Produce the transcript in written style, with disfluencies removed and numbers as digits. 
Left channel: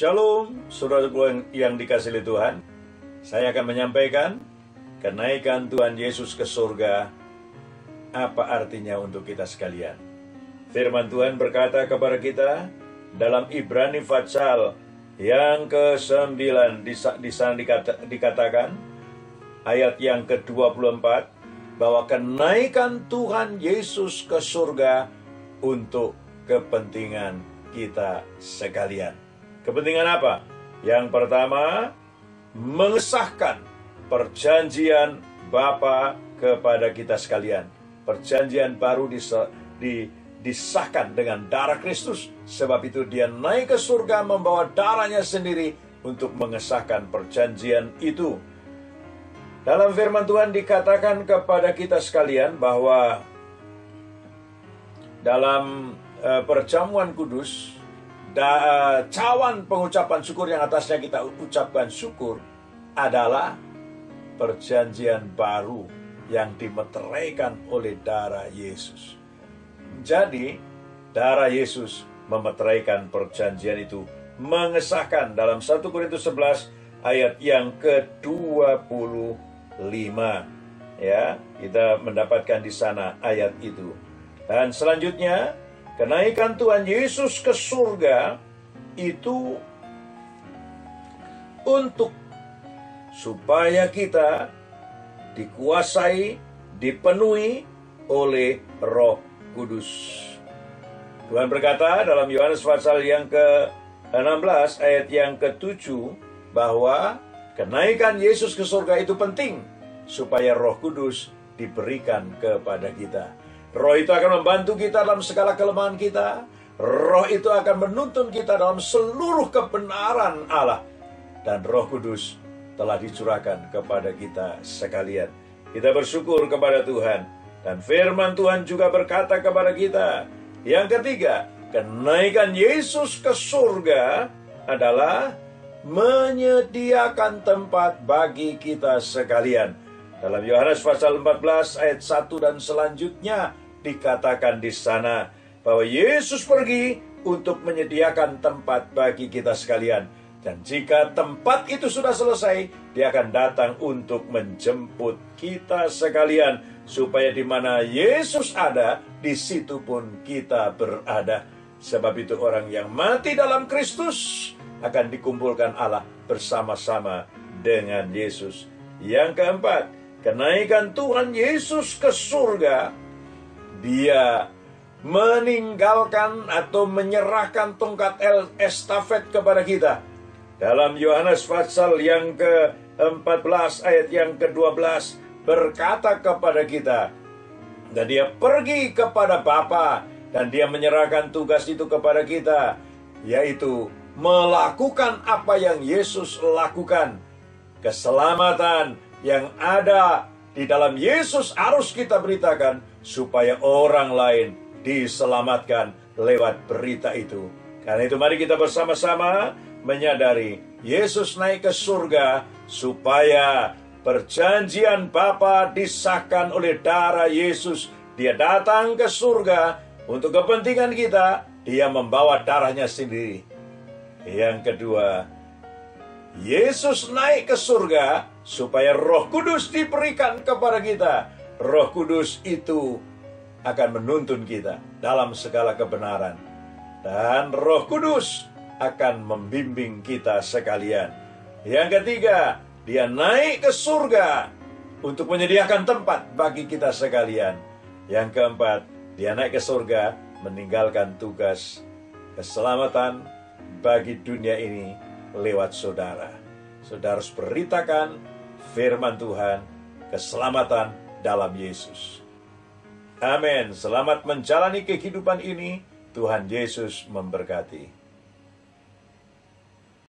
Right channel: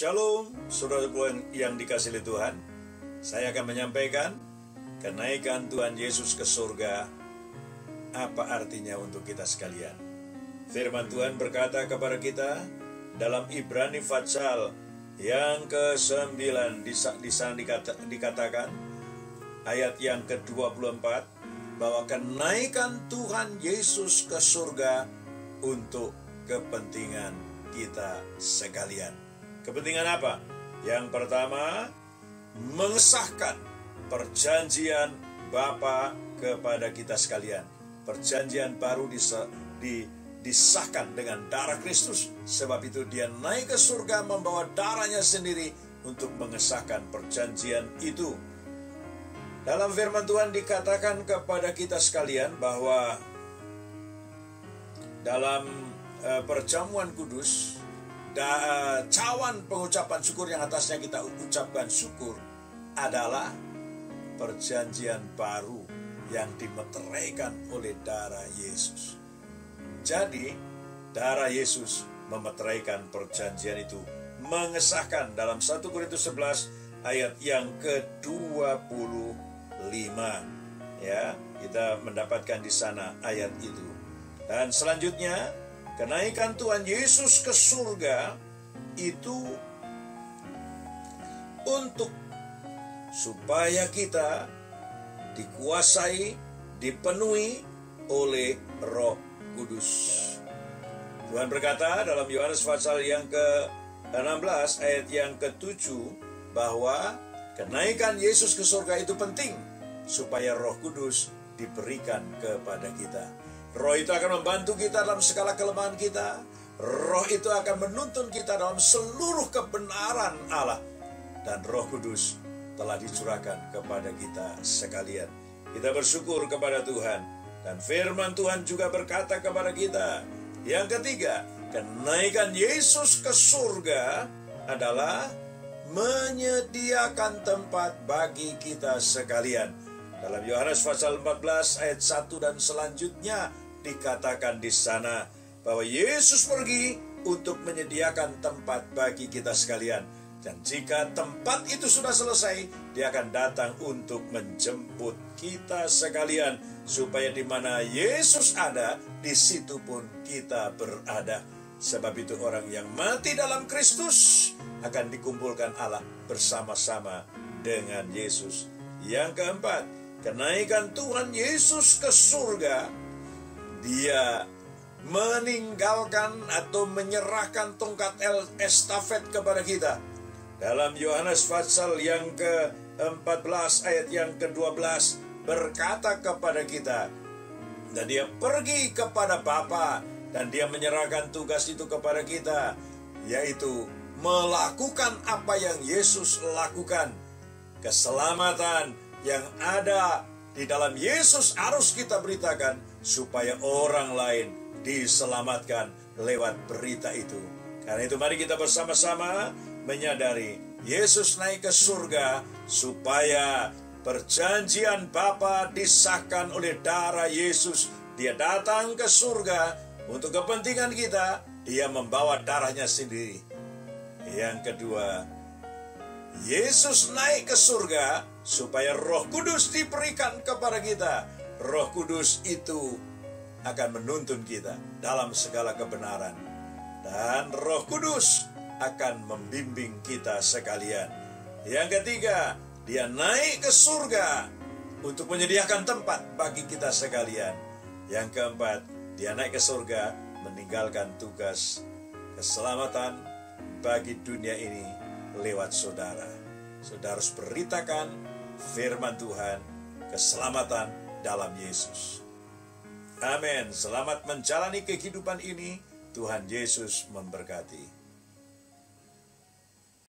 Shalom, saudara yang dikasihi Tuhan. Saya akan menyampaikan kenaikan Tuhan Yesus ke surga. Apa artinya untuk kita sekalian? Firman Tuhan berkata kepada kita dalam Ibrani pasal yang ke-9 di sana dikatakan ayat yang ke-24 bahwa kenaikan Tuhan Yesus ke surga untuk kepentingan kita sekalian. Kepentingan apa? Yang pertama, mengesahkan perjanjian Bapa kepada kita sekalian. Perjanjian baru disahkan dengan darah Kristus. Sebab itu dia naik ke surga membawa darahnya sendiri untuk mengesahkan perjanjian itu. Dalam firman Tuhan dikatakan kepada kita sekalian bahwa dalam perjamuan kudus, cawan pengucapan syukur yang atasnya kita ucapkan syukur adalah perjanjian baru yang dimeteraikan oleh darah Yesus. Jadi, darah Yesus memeteraikan perjanjian itu, mengesahkan dalam 1 Korintus 11 ayat yang ke-25. Ya, kita mendapatkan di sana ayat itu. Dan selanjutnya, kenaikan Tuhan Yesus ke surga itu untuk supaya kita dikuasai, dipenuhi oleh Roh Kudus. Tuhan berkata dalam Yohanes pasal yang ke-16 ayat yang ke-7 bahwa kenaikan Yesus ke surga itu penting supaya Roh Kudus diberikan kepada kita. Roh itu akan membantu kita dalam segala kelemahan kita. Roh itu akan menuntun kita dalam seluruh kebenaran Allah. Dan Roh Kudus telah dicurahkan kepada kita sekalian. Kita bersyukur kepada Tuhan. Dan firman Tuhan juga berkata kepada kita. Yang ketiga, kenaikan Yesus ke surga adalah menyediakan tempat bagi kita sekalian. Dalam Yohanes pasal 14 ayat 1 dan selanjutnya dikatakan di sana bahwa Yesus pergi untuk menyediakan tempat bagi kita sekalian. Dan jika tempat itu sudah selesai, dia akan datang untuk menjemput kita sekalian. Supaya di mana Yesus ada, di situ pun kita berada. Sebab itu orang yang mati dalam Kristus akan dikumpulkan Allah bersama-sama dengan Yesus. Yang keempat, kenaikan Tuhan Yesus ke surga, dia meninggalkan atau menyerahkan tongkat estafet kepada kita. Dalam Yohanes pasal yang ke-14 ayat yang ke-12 berkata kepada kita, dan dia pergi kepada Bapa dan dia menyerahkan tugas itu kepada kita, yaitu melakukan apa yang Yesus lakukan. Keselamatan yang ada di dalam Yesus harus kita beritakan supaya orang lain diselamatkan lewat berita itu. Karena itu mari kita bersama-sama menyadari Yesus naik ke surga supaya perjanjian Bapa disahkan oleh darah Yesus. Dia datang ke surga untuk kepentingan kita. Dia membawa darahnya sendiri. Yang kedua, Yesus naik ke surga supaya Roh Kudus diberikan kepada kita. Roh Kudus itu akan menuntun kita dalam segala kebenaran. Dan Roh Kudus akan membimbing kita sekalian. Yang ketiga, dia naik ke surga untuk menyediakan tempat bagi kita sekalian. Yang keempat, dia naik ke surga meninggalkan tugas keselamatan bagi dunia ini lewat saudara. Saudara harus beritakan firman Tuhan, keselamatan dalam Yesus. Amin. Selamat menjalani kehidupan ini. Tuhan Yesus memberkati.